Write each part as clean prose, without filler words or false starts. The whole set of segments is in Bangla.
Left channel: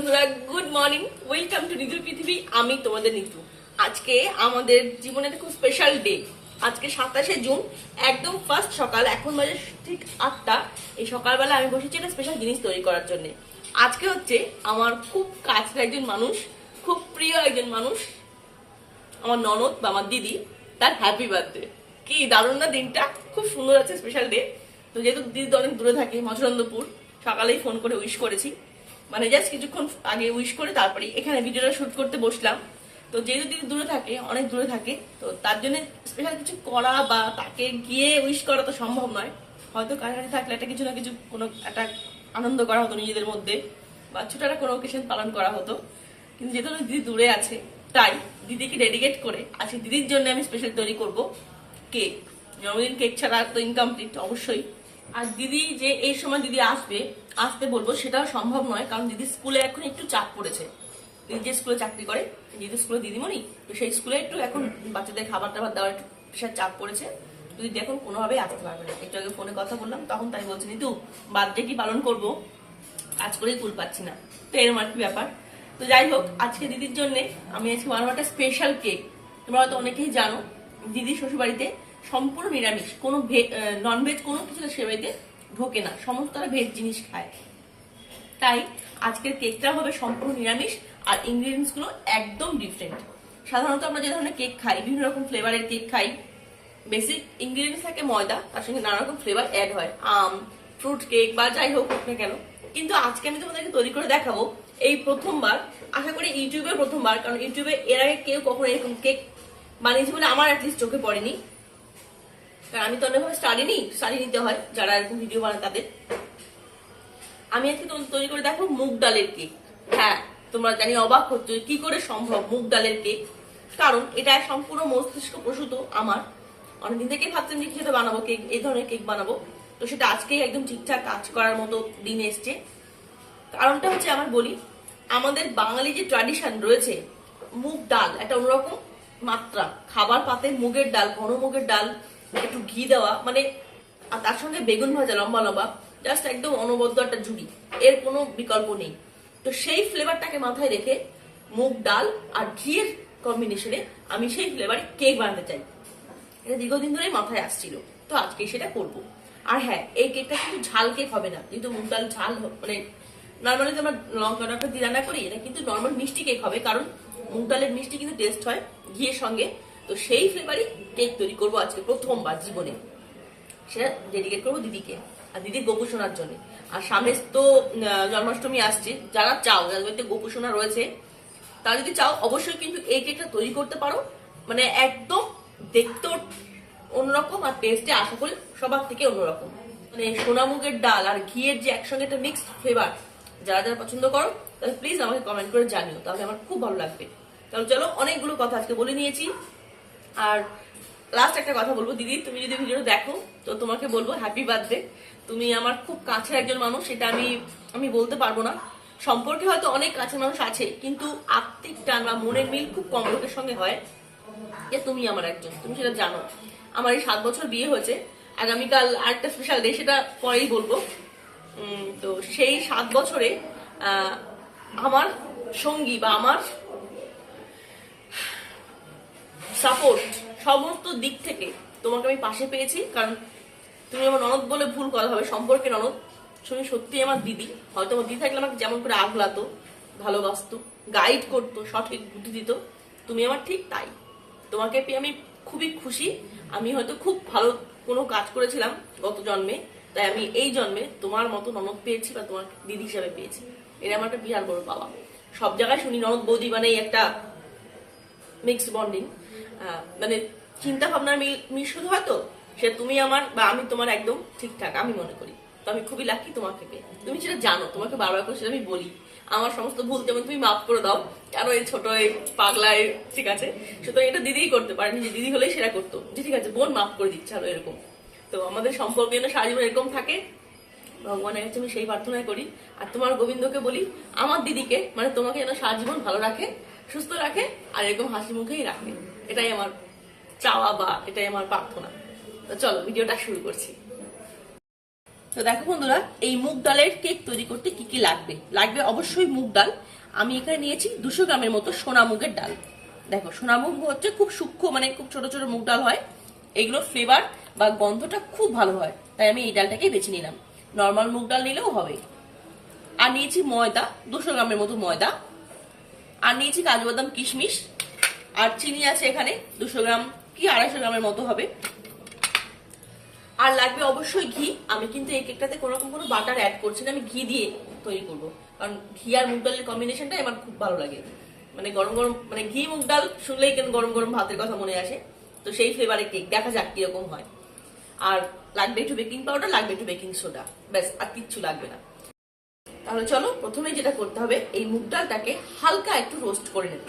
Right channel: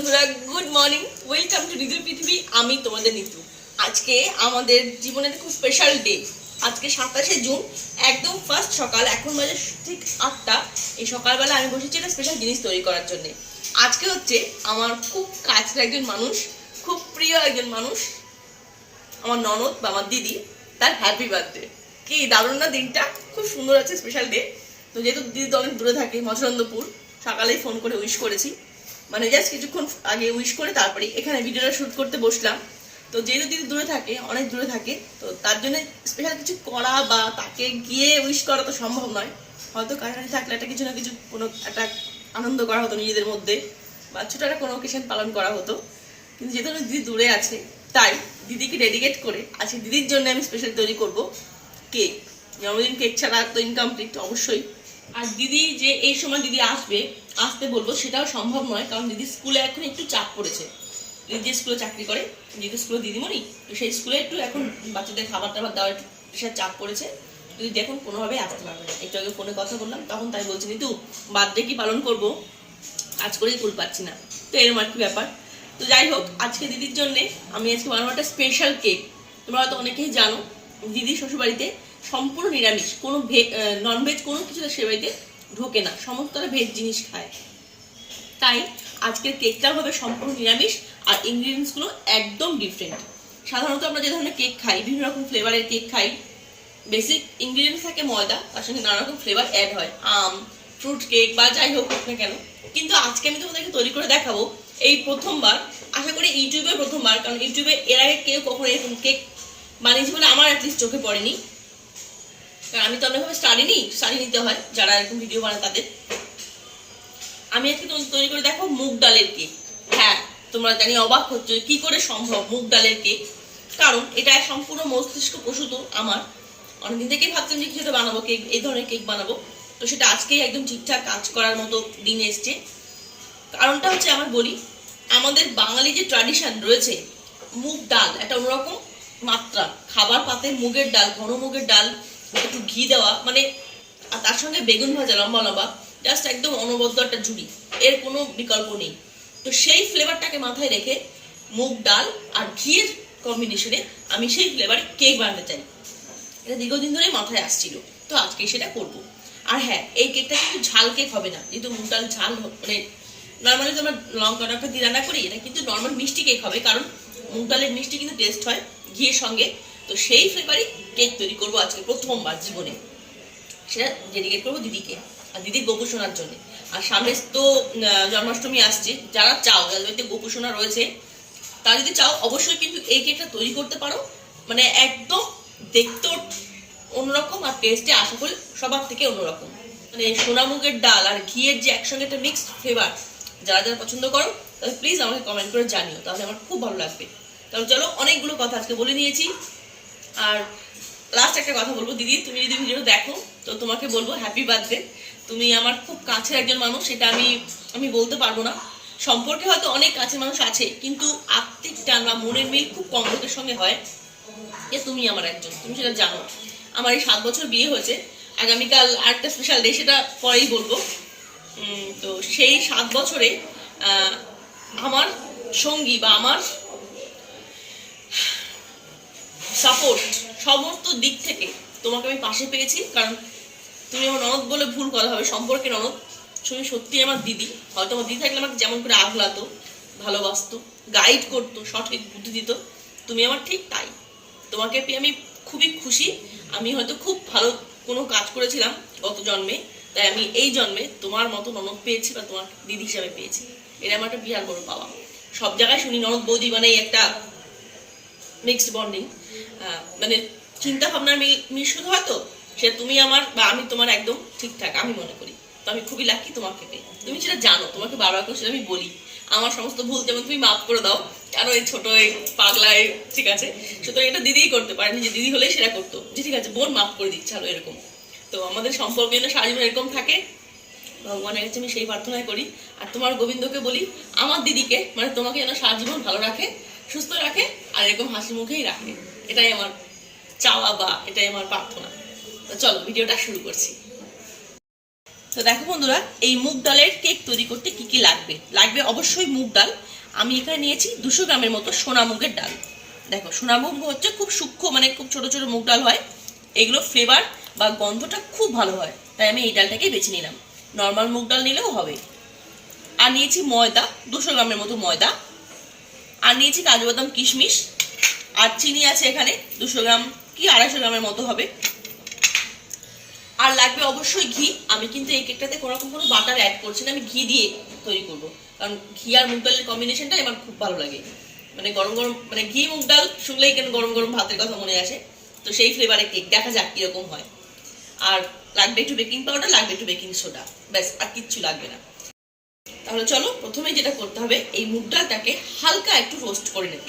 বন্ধুরা, গুড মর্নিং, ওয়েলকাম টু নিতুর পৃথিবী। আমি তোমাদের নিতু। আজকে আমাদের জীবনের খুব স্পেশাল ডে। আজকে 27শে জুন, একদম ফার্স্ট সকাল। এখন বাজে ঠিক 8টা। এই সকালবেলা আমি বসেছি একটা স্পেশাল জিনিস তৈরি করার জন্য। আজকে হচ্ছে আমার খুব কাছের একজন মানুষ, খুব প্রিয় একজন মানুষ, আমার ননদ বা আমার দিদি, তার হ্যাপি বার্থডে। কি দারুণ না দিনটা, খুব সুন্দর আছে, স্পেশাল ডে। তো যেহেতু দিদি তো অনেক দূরে থাকে, মচরন্দপুর, সকালেই ফোন করে উইশ করেছি, মানে জাস্ট কিছুক্ষণ আগে উইশ করে তারপরে এখানে ভিডিওটা শ্যুট করতে বসলাম। তো যেহেতু দিদি দূরে থাকে, অনেক দূরে থাকে, তো তার জন্য স্পেশাল কিছু করা বা তাকে গিয়ে উইশ করা তো সম্ভব নয়। হয়তো কাছাকাছি থাকলে একটা কিছু না কিছু কোনো একটা আনন্দ করা হতো নিজেদের মধ্যে, বা ছোটো একটা কোনো অকেশন পালন করা হতো। কিন্তু যেহেতু দিদি দূরে আছে, তাই দিদিকে ডেডিকেট করে আজকে দিদির জন্য আমি স্পেশাল তৈরি করব কেক। জন্মদিন কেক ছাড়া তো ইনকমপ্লিট অবশ্যই। আর দিদি যে এই সময় দিদি আসতে বলবো সেটাও সম্ভব নয়, কারণ দিদি স্কুলে এখন একটু চাপ পড়েছে। দিদি যে স্কুলে চাকরি করে, দিদি স্কুলে দিদিমণি, তো সেই স্কুলে একটু এখন বাচ্চাদের খাবার টাবার দেওয়া একটু বিশাল চাপ পড়েছে। দিদি এখন কোনোভাবেই আসতে পারবে না। একটু আগে ফোনে কথা বললাম, তখন তাই বলছি নিতু বার্থডে কি পালন করবো, আজ করেই কুল পাচ্ছি না। তো এরকম আর কি ব্যাপার। তো যাই হোক, আজকে দিদির জন্য আমি আজকে বানাবো একটা স্পেশাল কেক। তোমরা হয়তো অনেকেই জানো, দিদি শ্বশুরবাড়িতে সম্পূর্ণ নিরামিষ, কোনো ননভেজ কোনো কিছু সে বাড়িতে ঢোকে না, সমস্ত ভেজ জিনিস খায়। তাই আজকের কেকটাও হবে সম্পূর্ণ নিরামিষ, আর ইনগ্রিডিয়েন্টসগুলো একদম ডিফারেন্ট। সাধারণত আমরা যে ধরনের কেক খাই, বিভিন্ন রকম ফ্লেভারের কেক খাই, বেসিক ইনগ্রিডিয়েন্টস থাকে ময়দা, তার সঙ্গে নানা রকম ফ্লেভার অ্যাড হয়, আম, ফ্রুট কেক বা যাই হোক না কেন। কিন্তু আজকে আমি তোমাদেরকে তৈরি করে দেখাবো এই প্রথমবার, আশা করি ইউটিউবে প্রথমবার, কারণ ইউটিউবে এর আগে কেউ কখনো এরকম কেক বানিয়েছে বলে আমার অ্যাটলিস্ট চোখে পড়েনি। কারণ আমি তো অনেকভাবে স্টাডি নিতে হয় যারা এরকম ভিডিও বানায় তাদের। আমি আজকে তোমাদের তৈরি করে দেখো মুগ ডালের কেক। হ্যাঁ, তোমরা জানি অবাক হচ্ছে কি করে সম্ভব মুগ ডালের কেক, কারণ এটা সম্পূর্ণ মস্তিষ্ক প্রসূত আমার। অনেকদিন থেকেই ভাবতাম যে কিছু বানাবো কেক, এই ধরনের কেক বানাবো, তো সেটা আজকেই একদম ঠিকঠাক কাজ করার মতো দিন এসছে। কারণটা হচ্ছে আমার বলি, আমাদের বাঙালি যে ট্র্যাডিশন রয়েছে, মুগ ডাল একটা অন্যরকম মাত্রা, খাবার পাতে মুগের ডাল, ঘন মুগের ডাল, একটু ঘি দেওয়া, মানে আর তার সঙ্গে বেগুন ভাজা লম্বা লম্বা, জাস্ট একদম অনবদ্য একটা জুড়ি, এর কোনো বিকল্প নেই। তো সেই ফ্লেভারটাকে মাথায় রেখে মুগ ডাল আর ঘিয়ের কম্বিনেশনে আমি সেই ফ্লেভারে কেক বানাতে চাই। এটা দীর্ঘদিন ধরেই মাথায় আসছিল, তো আজকে সেটা করব। আর হ্যাঁ, এই কেকটা কিন্তু ঝাল কেক হবে না, যেহেতু মুগ ডাল ঝাল, মানে নর্মালি তো আমরা লঙ্কা টঙ্কা দিয়ে রান্না করি, এটা কিন্তু নর্মাল মিষ্টি কেক হবে, কারণ মুগ ডালের মিষ্টি কিন্তু টেস্ট হয় ঘিয়ের সঙ্গে। তো সেই ফ্লেভারই কেক তৈরি করবো আজকে প্রথমবার জীবনে। সেটা ডেডিকেট করবো দিদিকে আর দিদির গোপু সোনার জন্য। আর সামনে তো জন্মাষ্টমী আসছে, যারা চাও, যাদের বাড়িতে গোপু সোনা রয়েছে, তারা যদি চাও অবশ্যই কিন্তু এই কেকটা তৈরি করতে পারো। মানে একদম দেখতে অন্যরকম, আর টেস্টে আশা করি সবার থেকে অন্যরকম। মানে সোনামুগের ডাল আর ঘিয়ের যে একসঙ্গে একটা মিক্সড ফ্লেভার, যারা যারা পছন্দ করো তাহলে প্লিজ আমাকে কমেন্ট করে জানিও, তাহলে আমার খুব ভালো লাগবে। তাহলে চলো, অনেকগুলো কথা আজকে বলে নিয়েছি। আর লাস্ট একটা কথা বলবো, দিদি তুমি যদি ভিডিও দেখো তো তোমাকে বলবো হ্যাপি বার্থডে। তুমি আমার খুব কাছের একজন মানুষ, সেটা আমি বলতে পারবো না। সম্পর্কে হয়তো অনেক কাছের মানুষ আছে, কিন্তু আত্মিক টান বা মনের মিল খুব কম লোকের সঙ্গে হয়। যে তুমি আমার একজন, তুমি সেটা জানো। আমার এই 7 বছর বিয়ে হয়েছে, আগামীকাল আরেকটা স্পেশাল ডে, সেটা পরেই বলবো। তো সেই 7 বছরে আমার সঙ্গী বা আমার সাপোর্ট সমস্ত দিক থেকে তোমাকে আমি পাশে পেয়েছি। কারণ তুমি আমার ননদ বলে ভুল কথা হবে, সম্পর্কে ননদ, তুমি সত্যি আমার দিদি। হয়তো আমার দিদি থাকলে আমাকে যেমন করে আগলাতো, ভালোবাসতো, গাইড করতো, সঠিক বুদ্ধি দিত, তুমি আমার ঠিক তাই। তোমাকে পেয়ে আমি খুবই খুশি। আমি হয়তো খুব ভালো কোনো কাজ করেছিলাম গত জন্মে, তাই আমি এই জন্মে তোমার মতো ননদ পেয়েছি বা তোমার দিদি হিসাবে পেয়েছি। এটা আমার একটা বিরাট বড় পাওয়া। সব জায়গায় শুনি ননদ বৌদি মানে একটা মিক্সড বন্ডিং, মানে চিন্তা ভাবনার মিশ্রণ হয়তো, সে তুমি আমার বা আমি তোমার একদম ঠিকঠাক আমি মনে করি। তো আমি খুবই লাকি তোমাকে পেয়ে। তুমি সেটা জানো, তোমাকে বারবার করে সেটা আমি বলি, আমার সমস্ত ভুল যেমন তুমি মাফ করে দাও, কারণ এই ছোট এই পাগলায়, ঠিক আছে, সুতরাং এটা দিদিই করতে পারেনি, যে দিদি হলেই সেটা করতো, যে ঠিক আছে বোন মাফ করে দিচ্ছে আরো এরকম। তো আমাদের সম্পর্ক যেন সারা জীবন এরকম থাকে, ভগবানের কাছে আমি সেই প্রার্থনাই করি। আর তোমার গোবিন্দকে বলি আমার দিদিকে, মানে তোমাকে যেন সারা জীবন ভালো রাখে, সুস্থ রাখে, আর এরকম হাসি মুখেই রাখে। এটাই আমার চাওয়া বা এটাই আমার প্রার্থনা। তো চলো ভিডিওটা শুরু করছি। তো দেখো বন্ধুরা, এই মুগ ডালের কেক তৈরি করতে কি কি লাগবে। লাগবে অবশ্যই মুগ ডাল। আমি এখানে নিয়েছি 200 গ্রামের মতো সোনা মুগের ডাল। দেখো, সোনা মুগ হচ্ছে খুব সূক্ষ্ম, মানে খুব ছোট ছোট মুগ ডাল হয়। এগুলো ফ্লেভার বা গন্ধটা খুব ভালো হয়, তাই আমি এই ডালটাকে বেছে নিলাম। নর্মাল মুগ ডাল নিলেও হবে। আর নিয়েছি ময়দা, 200 গ্রামের মতো ময়দা। আর নিয়েছি কাজু বাদাম কিশমিশ। আর চিনি আছে এখানে 200 গ্রাম কি 250 গ্রামের মতো হবে। আর লাগবে অবশ্যই ঘি। আমি কিন্তু এই কেকটাতে কোনো রকম কোনো বাটার অ্যাড করছি না, আমি ঘি দিয়ে তৈরি করব। কারণ ঘি আর মুগ ডালের কম্বিনেশনটা আমার খুব ভালো লাগে। মানে গরম গরম, মানে ঘি মুগ ডাল শুনলেই কেন গরম গরম ভাতের কথা মনে আসে। তো সেই ফ্লেভারের কেক, দেখা যাক কিরকম হয়। আর লাগবে একটু বেকিং পাউডার, লাগবে একটু বেকিং সোডা, ব্যাস, আর কিচ্ছু লাগবে না। তাহলে চলো, প্রথমে যেটা করতে হবে, এই মুগ ডালটাকে হালকা একটু রোস্ট করে নেব।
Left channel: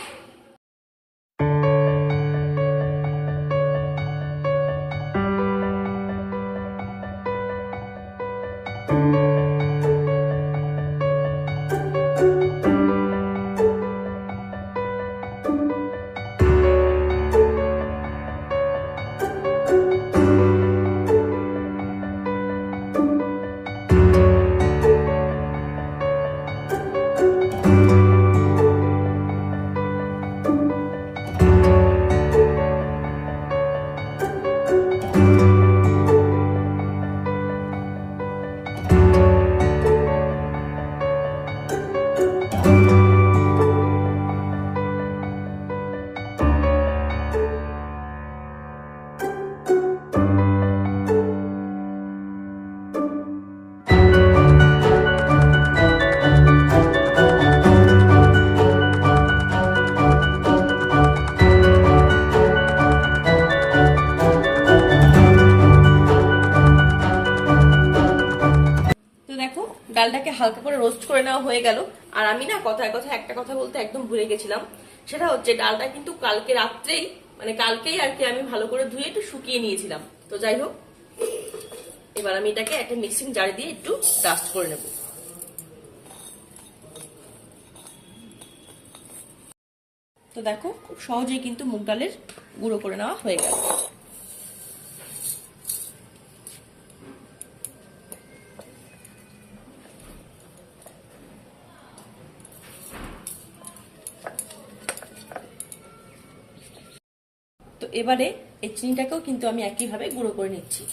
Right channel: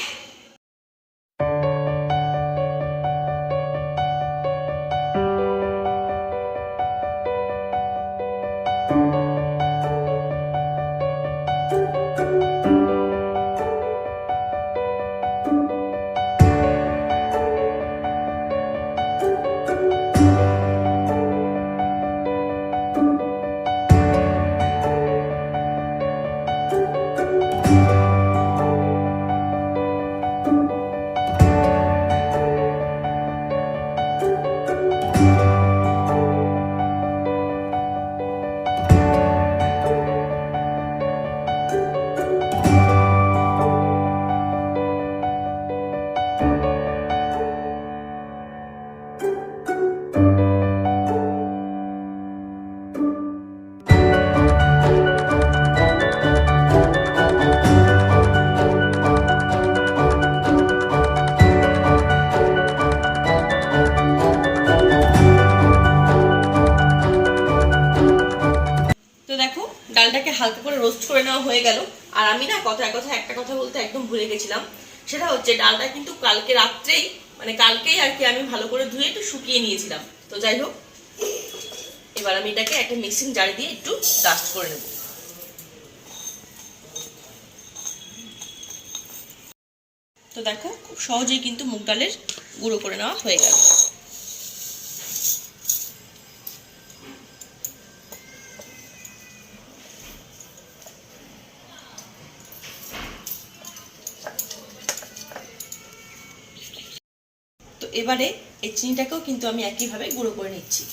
তো দেখো, ডালটাকে হালকা করে রোস্ট করে নেওয়া হয়ে গেল। আর আমি না কথায় কথায় একটা কথা বলতে একদম ভুলে গেছিলাম। সেটা হচ্ছে, ডালটা কিন্তু কালকে রাত্রেই, মানে কালকেই আর কি, আমি ভালো করে ধুয়ে একটু শুকিয়ে নিয়েছিলাম। তো যাই হোক, এবার আমি এটাকে একটা মিক্সিং জারে দিয়ে একটু ডাস্ট করে নেব। তো দেখো, খুব সহজেই কিন্তু মুগ ডালের গুঁড়ো করে নেওয়া হয়ে গেল। তো এবারে এই চিনিটাকেও কিন্তু আমি একইভাবে গুঁড়ো করে নিচ্ছি।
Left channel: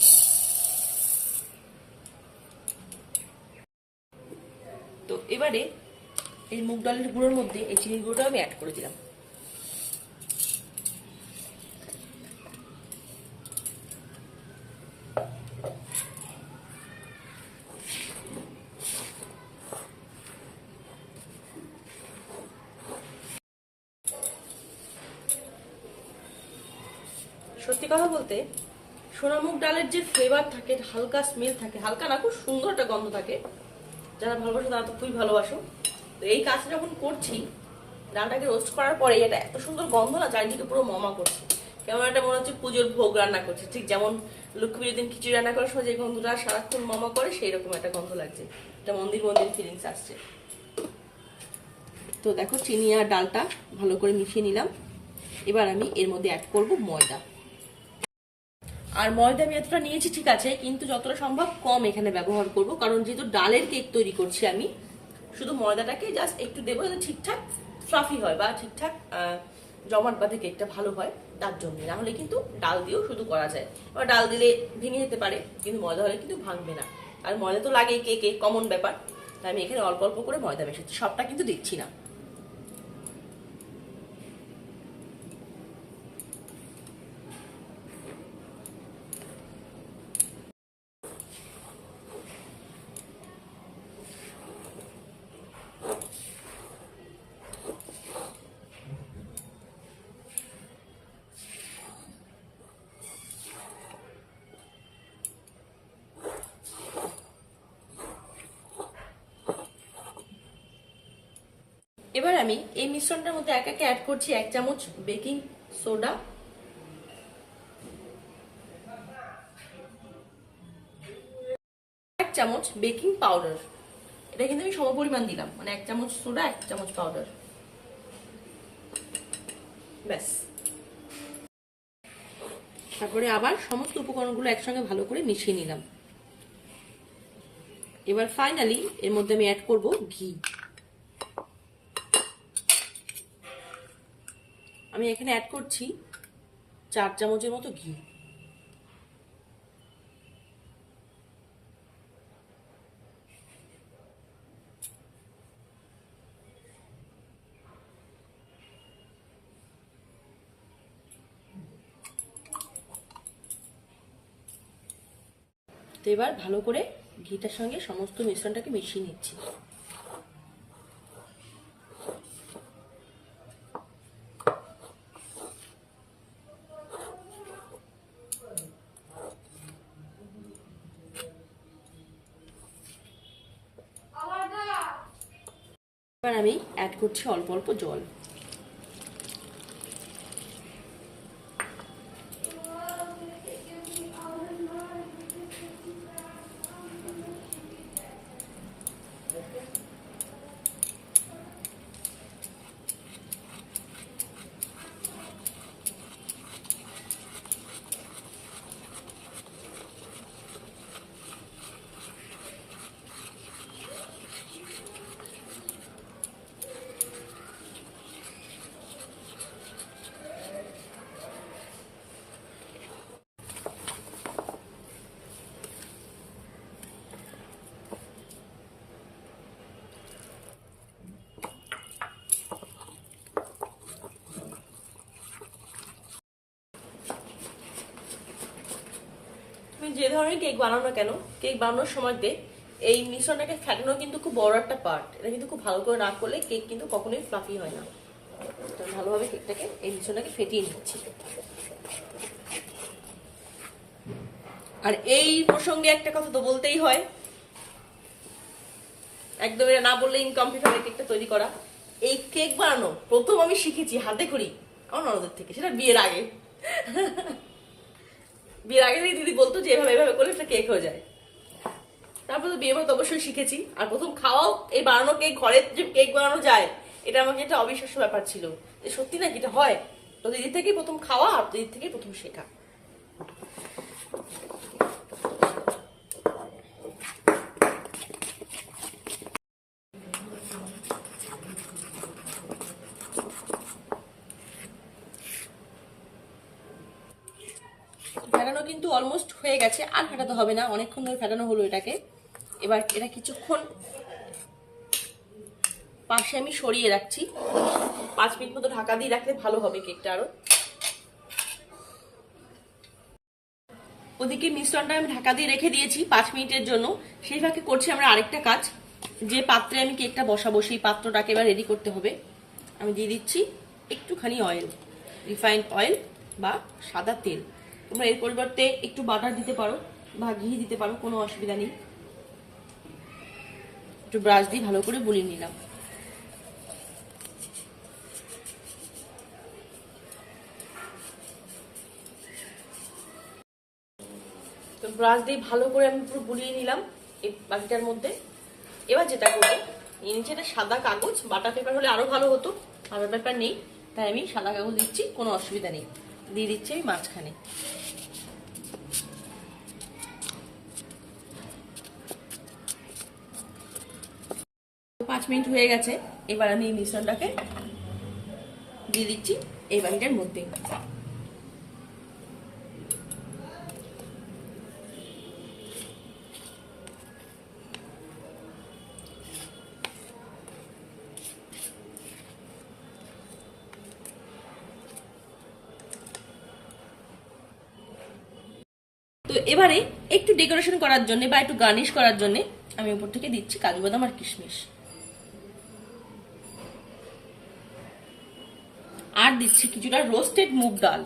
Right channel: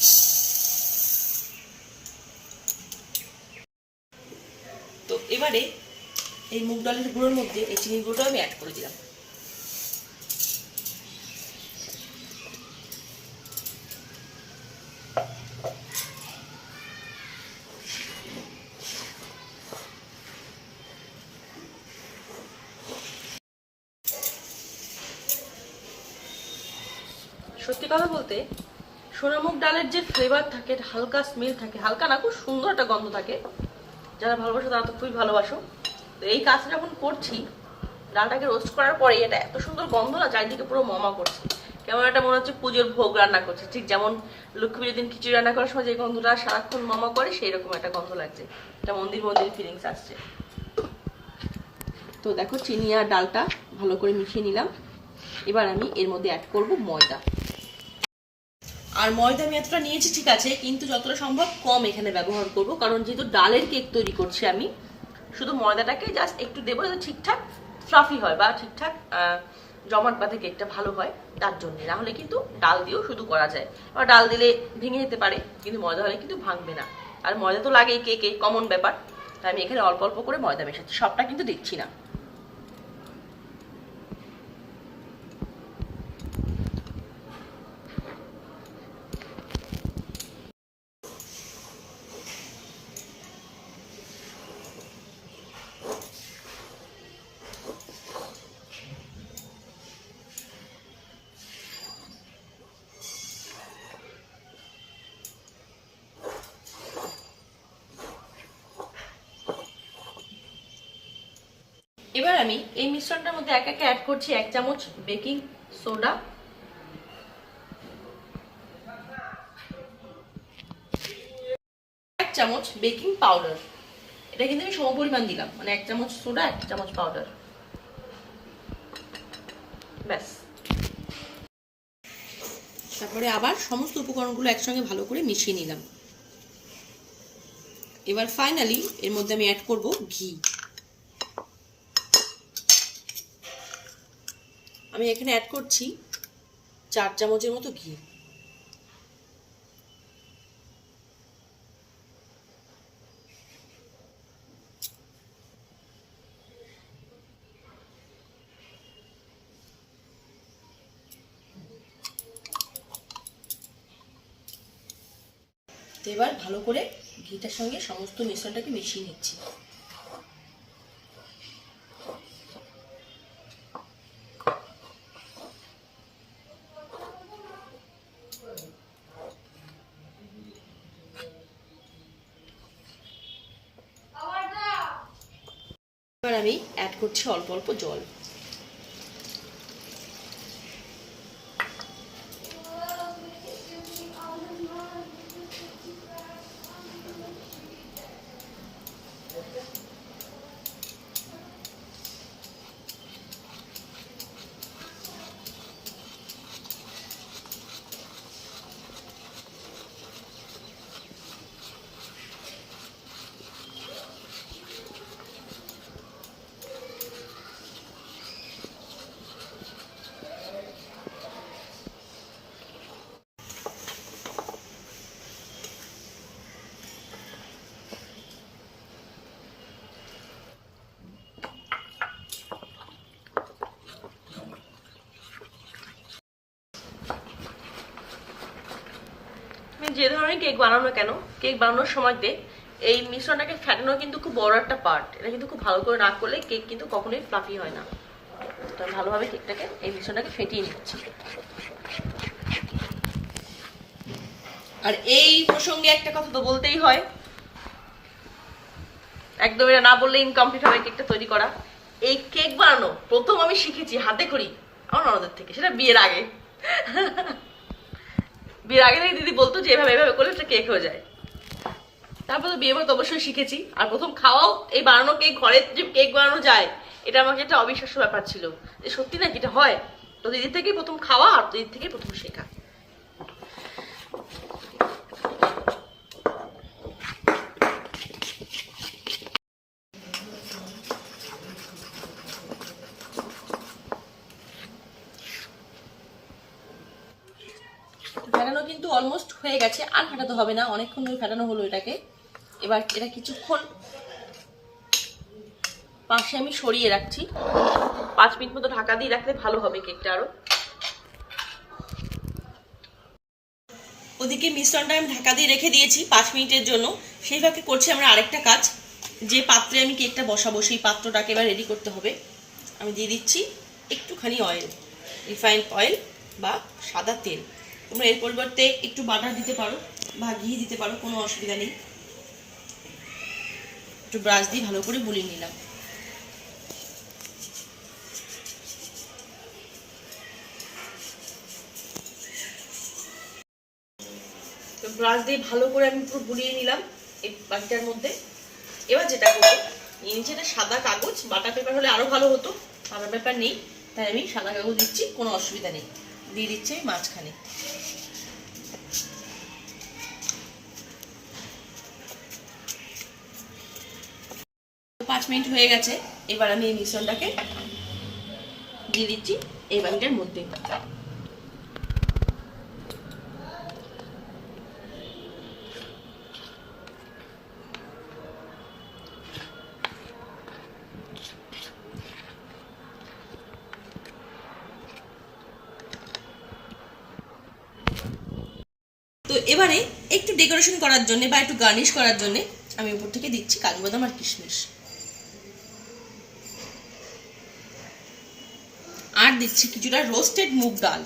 তো এবারে এই মুগ ডালের গুঁড়োর মধ্যে এই চিনির গুঁড়োটা আমি অ্যাড করে দিলাম। সত্যি কথা বলতে, সোনামুগ ডালের যে ফ্লেভার থাকে, হালকা স্মেল থাকে, হালকা না, খুব সুন্দর একটা গন্ধ থাকে। যারা ভালোবাসো তারা তো খুবই ভালোবাসো। তো এই কাজটা যখন করছি, ডালটাকে রোস্ট করার পরে এটা এত সুন্দর গন্ধ না, চারিদিকে পুরো মমা করছে। কেমন একটা মনে হচ্ছে পুজোর ভোগ রান্না করছে। ঠিক যেমন লক্ষ্মী পুজোর দিন খিচুড়ি রান্না করার সময় যে গন্ধটা সারাক্ষণ মমা করে, সেই রকম একটা গন্ধ লাগছে। একটা মন্দির মন্দির ফিলিংস আসছে। তো দেখো, চিনি আর ডালটা ভালো করে মিশিয়ে নিলাম। এবার আমি এর মধ্যে অ্যাড করব ময়দা। আর ময়দা আমি এতটা নিয়েছি ঠিক আছে, কিন্তু যতটা সম্ভব কম এখানে ব্যবহার করব। কারণ যেহেতু ডালের কেক তৈরি করছি আমি, শুধু ময়দাটাকে জাস্ট একটু দেবো, যাতে ঠিকঠাক ফ্লাফি হয় বা ঠিকঠাক জমাট বাঁধে কেকটা ভালো হয়, তার জন্য। না হলে কিন্তু ডাল দিয়েও শুধু করা যায়। আবার ডাল দিলে ভেঙে যেতে পারে, কিন্তু ময়দা হলে কিন্তু ভাঙবে না। আর ময়দা তো লাগেই কেকে, কমন ব্যাপার। তাই আমি এখানে অল্প অল্প করে ময়দা মেশাচ্ছি, সবটা কিন্তু দিচ্ছি না। এবার আমি এই মিশ্রণটার মধ্যে এক একে অ্যাড করছি 1 চামচ বেকিং সোডা, 1 চামচ বেকিং পাউডার। এটা কিন্তু আমি সমপরিমাণ দিলাম, মানে 1 চামচ সোডা 1 চামচ পাউডার, ব্যাস। তারপরে আবার সমস্ত উপকরণগুলো একসঙ্গে ভালো করে মিশিয়ে নিলাম। এবার ফাইনালি এর মধ্যে আমি অ্যাড করব ঘি। আমি এখানে অ্যাড করছি 4 চামচের মতো ঘি। তো এবার ভালো করে ঘিটার সঙ্গে সমস্ত মিশ্রণটাকে মিশিয়ে নিচ্ছি। এবার আমি অ্যাড করছি অল্প অল্প জল। যে ধরনের কেক বানানো না কেন, কেক বানানোর সময়তে এই মিশ্রণটাকে ফেটানো কিন্তু খুব বড় একটা পার্ট। এটা কিন্তু খুব ভালো করে না করলে কেক কিন্তু কখনোই ফ্লাফি হয় না। তো ভালোভাবে কেকটাকে এই মিশ্রণটাকে ফেটিয়ে নিচ্ছি। আর এই প্রসঙ্গে একটা কথা তো বলতেই হয়, একদম এটা না বললে ইনকমপ্লিট হবে কেকটা তৈরি করা। এই কেক বানানো প্রথম আমি শিখেছি হাতে করি আমার ননদের থেকে, সেটা বিয়ের আগে। বিয়ের আগে দিদি বলতো যে এভাবে এভাবে করলে একটা কেক হয়ে যায়। তারপর তো বিয়ে তো অবশ্যই শিখেছি। আর প্রথম খাওয়াও এই বানানো কেক, ঘরে যে কেক বানানো যায়, এটা আমাকে একটা অবিশ্বাস্য ব্যাপার ছিল যে সত্যি না এটা হয়। তো দিদির থেকেই প্রথম খাওয়া আর দিদির থেকেই প্রথম শেখা। ফেটানো কিন্তু অলমোস্ট হয়ে গেছে, আর ফেটাতে হবে না, অনেকক্ষণ ধরে ফেটানো হলো এটাকে। এবার এটা কিছুক্ষণ পাশে আমি সরিয়ে রাখছি, 5 মিনিট মতো ঢাকা দিয়ে রাখলে ভালো হবে কেকটা আরো। ওদিকে মিশ্রণটা আমি ঢাকা দিয়ে রেখে দিয়েছি 5 মিনিটের জন্য। সেই ফাঁকে করছি আমরা আরেকটা কাজ। যে পাত্রে আমি কেকটা বসাবো সেই পাত্রটাকে এবার রেডি করতে হবে। আমি দিয়ে দিচ্ছি একটুখানি অয়েল, রিফাইন্ড অয়েল বা সাদা তেল। তোমরা এর পরিবর্তে একটু বাটার দিতে পারো বা ঘি দিতে পারো, কোনো অসুবিধা নেই। একটু ব্রাশ দিয়ে ভালো করে বুলিয়ে নিলাম। তো ব্রাশ দিয়ে ভালো করে আমি পুরো বুলিয়ে নিলাম এই বাটিটার মধ্যে। এবার যেটা করবো, নিচে একটা সাদা কাগজ, বাটার পেপার হলে আরো ভালো হতো, বাটার পেপার নেই তাই আমি সাদা কাগজ দিচ্ছি, কোনো অসুবিধা নেই। দিয়ে দিচ্ছি আমি মাঝখানে। তো 5 মিনিট হয়ে গেছে। এবার আমি এই মিশ্রণটাকে দিয়ে দিচ্ছি এই বাটিটার মধ্যে। তো এবারে একটু ডেকোরেশন করার জন্য বা একটু গার্নিশ করার জন্য আমি উপর থেকে দিচ্ছি কাজু বাদাম আর কিশমিশ। আর দিচ্ছি কিছুটা রোস্টেড মুগ ডাল।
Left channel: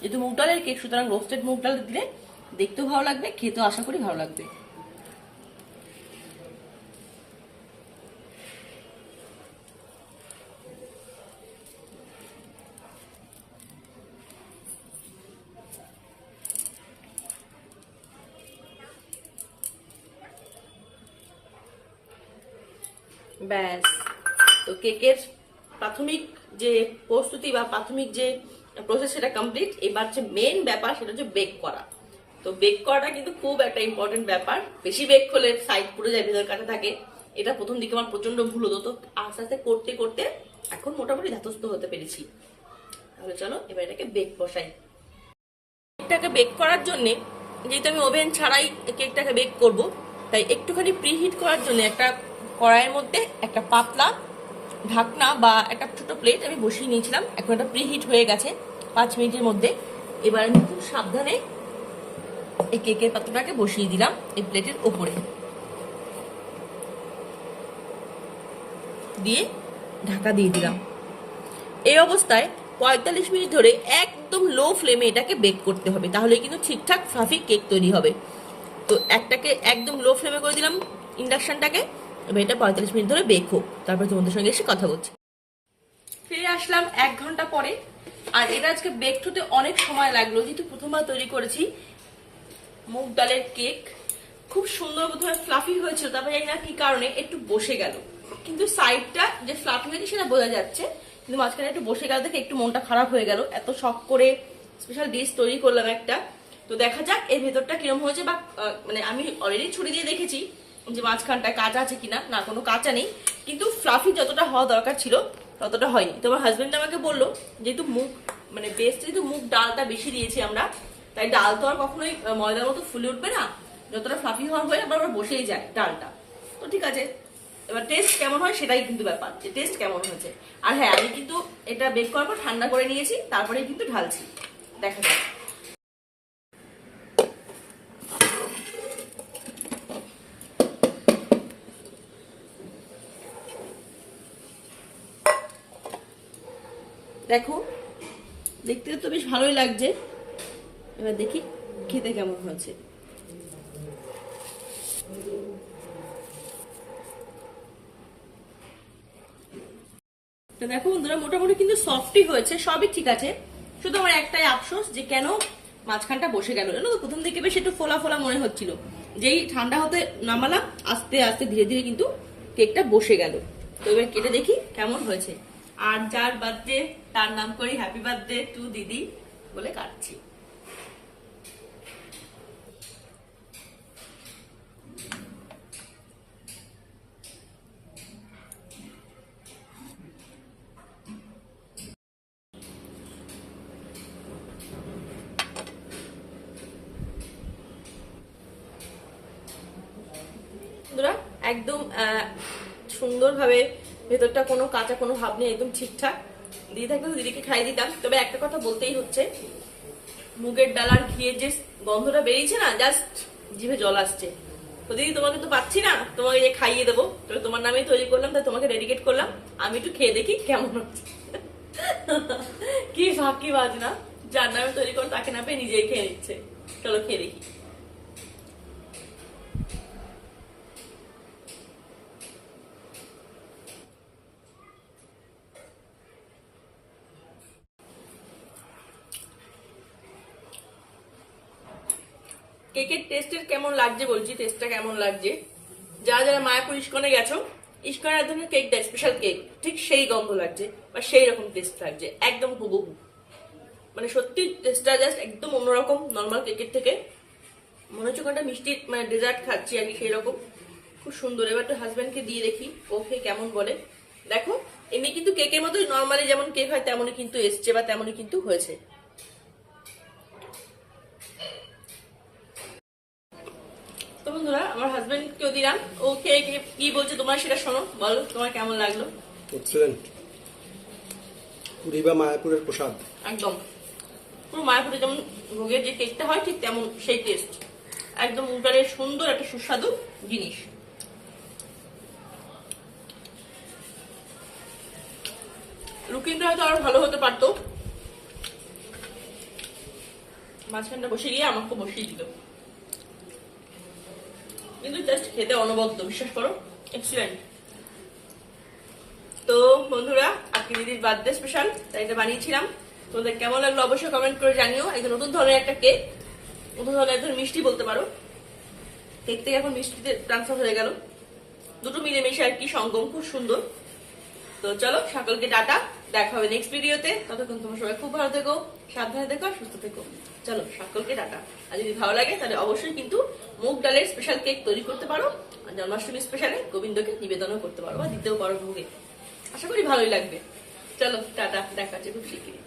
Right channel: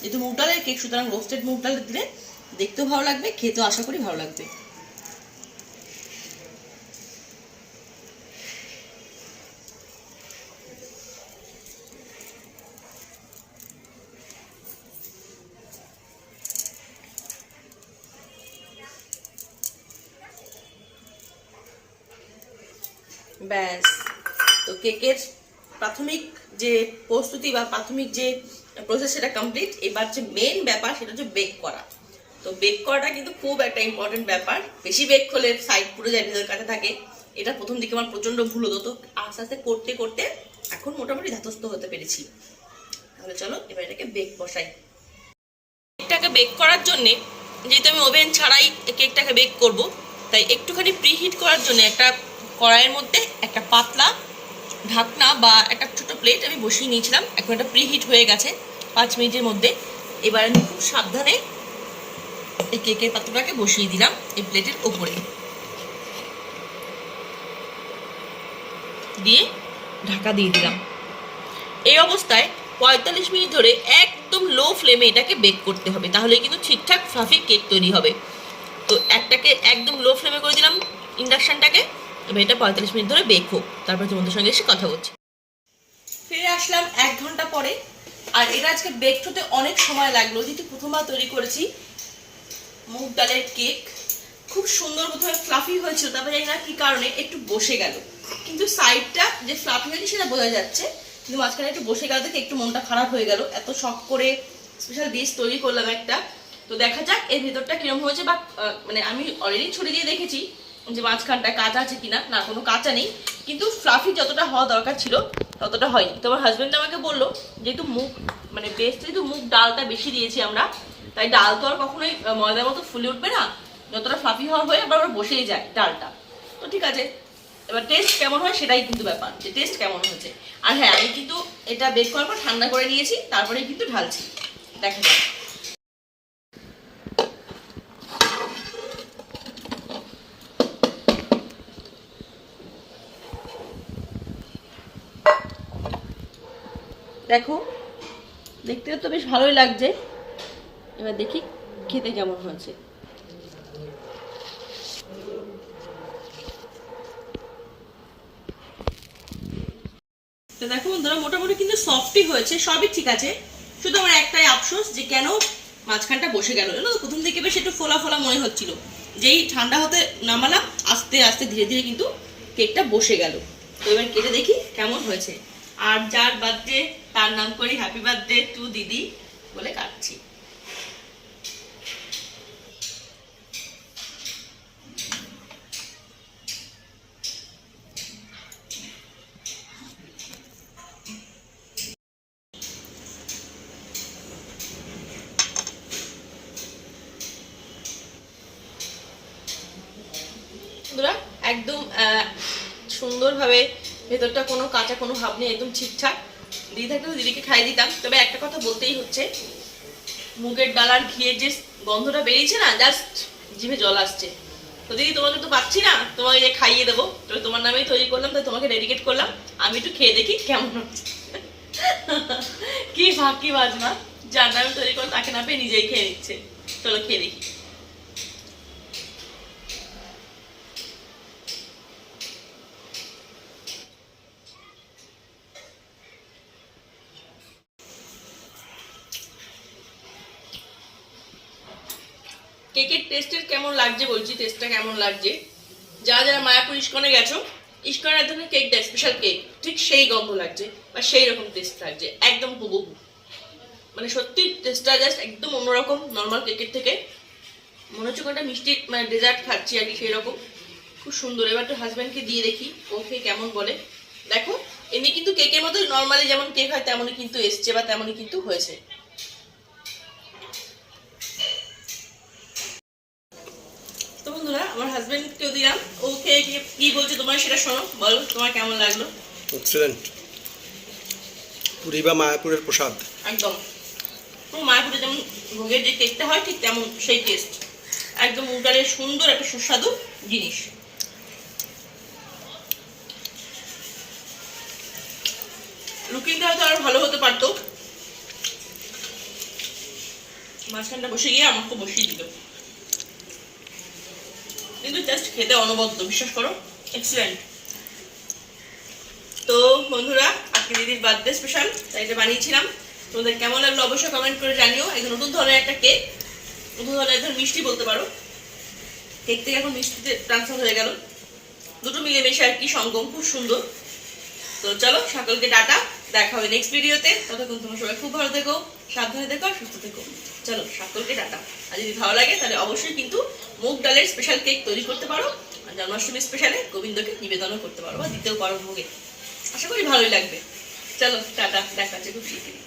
যেহেতু মুগ ডালের কেক, সুতরাং রোস্টেড মুগ ডাল দিলে দেখতেও ভালো লাগবে, খেতেও আশা করি ভালো লাগবে। ব্যাস, তো কেকের প্রাথমিক যে প্রস্তুতি বা প্রাথমিক যে প্রসেস সেটা কমপ্লিট। এবার যে মেন ব্যাপার সেটা হচ্ছে বেক করা। তো বেক করাটা কিন্তু খুব একটা ইম্পর্টেন্ট ব্যাপার। বেশি বেক করলে সাইড পুরো যায়, ভেতর কাটা থাকে। এটা প্রথম দিকে আমার প্রচন্ড ভুল হতো, তো আস্তে আস্তে করতে করতে এখন মোটামুটি ধাতস্থ হতে পেরেছি। তাহলে চলো এবার এটাকে বেক বসাই। কেকটাকে বেক করার জন্যে, যেহেতু আমি ওভেন ছাড়াই কেকটাকে বেক করব, তাই একটুখানি প্রিহিট করার জন্য একটা কড়াইয়ের মধ্যে একটা পাতলা ঢাকনা বা একটা ছোটো প্লেট আমি বসিয়ে নিয়েছিলাম। এখন এটা প্রিহিট হয়ে গেছে 5 মিনিটের মধ্যে। এবার আমি খুব সাবধানে এই কেকের পাত্রটাকে বসিয়ে দিলাম এই প্লেটের ওপরে, দিয়ে ঢাকা দিয়ে দিলাম। এই অবস্থায় 45 মিনিট ধরে একদম লো ফ্লেমে এটাকে বেক করতে হবে, তাহলে কিন্তু ঠিকঠাক ফ্লাফি কেক তৈরি হবে। তো একটাকে একদম লো ফ্লেমে করে দিলাম ইন্ডাকশানটাকে। এবার এটা 45 মিনিট ধরে বেক হোক, তারপর তোমাদের সঙ্গে এসে কথা বলছি। ফিরে আসলাম 1 ঘন্টা পরে। আর এটা আজকে বেক হতে অনেক সময় লাগলো, যেহেতু প্রথমবার তৈরি করেছি মুগ ডালের কেক। খুব সুন্দর প্রথমে ফ্লাফি হয়েছিল, তারপরে জানি না কি কারণে একটু বসে গেল, কিন্তু সাইডটা যে ফ্লাফি হয়েছে সেটা বোঝা যাচ্ছে, কিন্তু মাঝখানে একটু বসে গেল দেখে একটু মনটা খারাপ হয়ে গেল। এত শখ করে স্পেশাল ডিশ তৈরি করলাম একটা, তো দেখা যাক এর ভেতরটা কিরম হয়েছে। বা মানে আমি অলরেডি ছুরি দিয়ে দেখেছি যে মাঝখানটা কাঁচা আছে কিনা, না কোনো কাঁচা নেই, কিন্তু ফ্লাফি যতটা হওয়া দরকার ছিল ততটা হয়নি। তো আমার হাজবেন্ড আমাকে বললো, যেহেতু মুগ মানে বেশ যেহেতু মুগ ডালটা বেশি দিয়েছি আমরা, তাই ডাল তো আর কখনোই ময়দার মতো ফুলে উঠবে না, যতটা ফ্লাফি হওয়া হয়ে আবার বসেই যায় ডালটা। তো ঠিক আছে, এবার টেস্ট কেমন হয় সেটাই কিন্তু ব্যাপার, যে টেস্ট কেমন হয়েছে। আর হ্যাঁ, আমি কিন্তু এটা বেক করার পর ঠান্ডা করে নিয়েছি, তারপরে কিন্তু ঢালছি, দেখা যাক। দেখো দেখতে তো বেশ ভালোই লাগছে, এবার দেখি খেতে কেমন হয়েছে। তো দেখো বন্ধুরা, মোটামুটি কিন্তু সফটই হয়েছে, সবই ঠিক আছে। শুধু আমার একটাই আফসোস যে কেন মাঝখানটা বসে গেল। জানো তো, প্রথম দিকে বেশ একটু ফোলা ফোলা মনে হচ্ছিল, যেই ঠান্ডা হতে নামালাম আস্তে আস্তে ধীরে ধীরে কিন্তু কেকটা বসে গেল। তো এবার কেটে দেখি কেমন হয়েছে। আর যার বার্থডে তার নাম করে হ্যাপি বার্থডে টু দিদি বলে কাটছি। একদম সুন্দরভাবে ভেতরটা কোনো কাঁচা কোনো ভাব নেই, একদম ঠিকঠাক। দিদি থাকলে দিদিকে খাইয়ে দিতাম। তবে একটা কথা বলতেই হচ্ছে, মুগের ডাল আর ঘিয়ের যে গন্ধটা বেরিয়েছে না, জাস্ট জিভে জল আসছে। তো দিদি তোমাকে তো পাচ্ছি না, তোমাকে যে খাইয়ে দেবো, তবে তোমার নামেই তৈরি করলাম, তাই তোমাকে ডেডিকেট করলাম। আমি একটু খেয়ে দেখি কেমন হচ্ছে। কি ফাঁকি বাজনা, যার নামে তৈরি করো তাকে না পেয়ে নিজেই খেয়ে নিচ্ছে। চলো খেয়ে দেখি। কেকের টেস্টের কেমন লাগছে বলছি, টেস্টটা কেমন লাগছে। যারা যারা মায়াপুর ইস্কনে গেছো, ইস্কনের এক ধরনের কেক দেয়, স্পেশাল কেক, ঠিক সেই গন্ধ লাগছে বা সেই রকম টেস্ট লাগছে, একদম হুবহু। মানে সত্যি টেস্টটা জাস্ট একদম অন্যরকম নর্মাল কেকের থেকে। মনে হচ্ছে কোনটা মিষ্টি মানে ডেজার্ট খাচ্ছি আর কি, সেই রকম। খুব সুন্দর। এবার তো হাজব্যান্ডকে দিয়ে দেখি ও খেয়ে কেমন বলে। দেখো এমনি কিন্তু কেকের মতো নর্মালি যেমন কেক হয় তেমনই কিন্তু এসছে বা তেমনই কিন্তু হয়েছে। তো বন্ধুরা, আমার হাজবেন্ডকেও দিলাম, ও খেয়ে কি বলছে তোমার সেটা শোনো, বলো তোমার কেমন লাগলো। এক্সেলেন্ট, পুরী বা মায়াপুরের প্রসাদ একদম পুরো মায়াপুরে যেমন ভোগের যে কেকটা হয় ঠিক তেমন সেই টেস্ট, একদম উগারের সুন্দর একটা সুস্বাদু জিনিস। লুকিংটা হয়তো আরো ভালো হতে পারতো, মাঝখানটা বসে গিয়ে আমাকে বসিয়ে দিল, কিন্তু জাস্ট খেতে অনবদ্য, বিশ্বাস করো, এক্সিলেন্ট। তো বন্ধুরা, আজকে দিদির বার্থডে স্পেশাল, তাই এটা বানিয়েছিলাম। তোমাদের কেমন লাগলো অবশ্যই কমেন্ট করে জানিও। একদম নতুন ধরনের একটা কেক, নতুন ধরনের একদম মিষ্টি বলতে পারো, কেক থেকে এখন মিষ্টিতে ট্রান্সফার হয়ে গেল, দুটো মিলেমিশে আর কি সঙ্গম, খুব সুন্দর। তো চলো সকলকে টাটা। দেখা হবে নেক্সট ভিডিওতে। ততক্ষণ তোমরা সবাই খুব ভালো থেকো, সাবধানে থেকো, সুস্থ থেকো। চলো সকলকে টাটা। আর যদি ভালো লাগে তাহলে অবশ্যই কিন্তু মুগ ডালের স্পেশাল কেক তৈরি করতে পারো, আর জন্মাষ্টমী স্পেশালে গোবিন্দকে নিবেদনও করতে পারো বা দিতেও পারো ভোগে। আশা করি ভালোই লাগবে। চলো টাটা, দেখা হচ্ছে খুব শিগগিরই।